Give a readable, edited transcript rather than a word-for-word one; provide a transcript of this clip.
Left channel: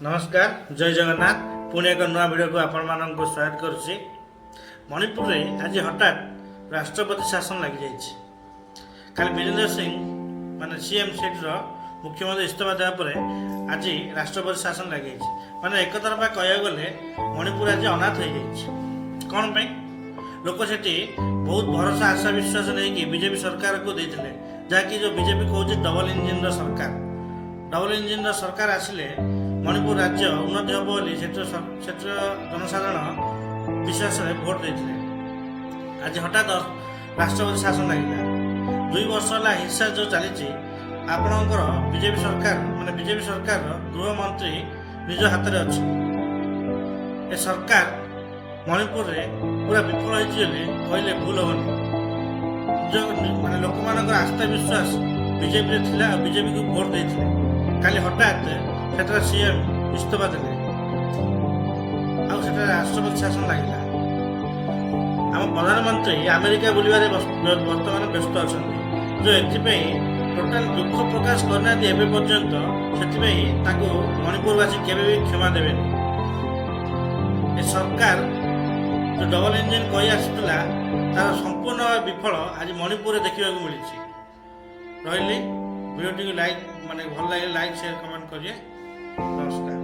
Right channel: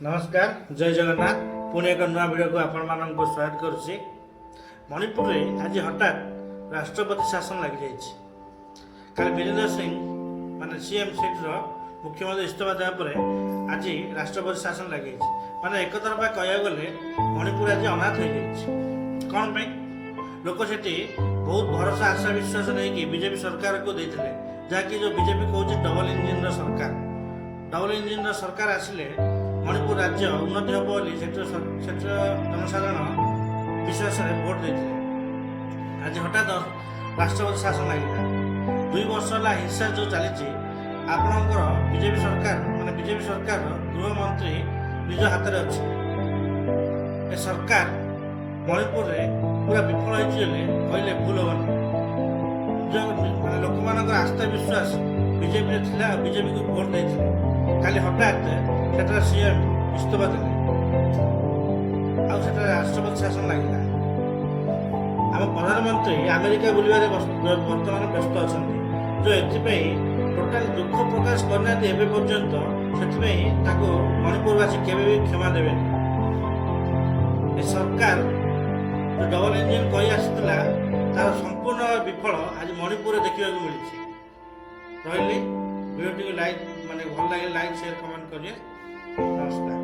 नमस्कार जय जगन्नाथ पुणे एक नुआ वीडियो को आपण मानक स्वागत करुच्ची। मणिपुर में आज हठात राष्ट्रपति शासन लग जाइए। कल वीरेंद्र सिंह माने सीएम सीट मुख्यमंत्री इस्तीफा देवापर आज राष्ट्रपति शासन लग जाइए। माने एक तरफा कह गले मणिपुर आज अनाथ हो जाइए। कौन पे लोक से बहुत भरोसा आशा विश्वास नहीं कि बीजेपी सरकार को देते जहाँकि जो बीजेपी कहे डबल इंजिन सरकार। डबल इंजिन सरकार आसिले मणिपुर राज्य उन्नति हम बोली जनसाधारण विश्वास भोट देते। आज हठात राष्ट्रपति शासन लगे 2 वर्ष है हिंसा जो चली आपणकर बीजेपी सरकार माने बीजेपी सरकार गृहमंत्री निज हाथ में अच्छे। ए सरकार मणिपुर में पूरा विफल होने कहले भूल होनी। जो माने लोक मान आस्था विश्वास बीजेपी थिला बीजेपी को भोट देते काली हठात से सीएम इस्तीफा देते राष्ट्रपति शासन लगे। आम प्रधानमंत्री अमेरिका बुलवार बर्तमान व्यस्त अच्छा जो एपाई टोटाल दुख प्रकाश करना पर्यंत से मणिपुरवासी केवे भी क्षमा देवे। सरकार जो डबल इंजिन कही आसूला तार संपूर्ण विफल आज मणिपुर देखा मिली। रही वीडियो लाइक माने भल लगे लाइक शेयर कमेंट करिए। नमस्कार।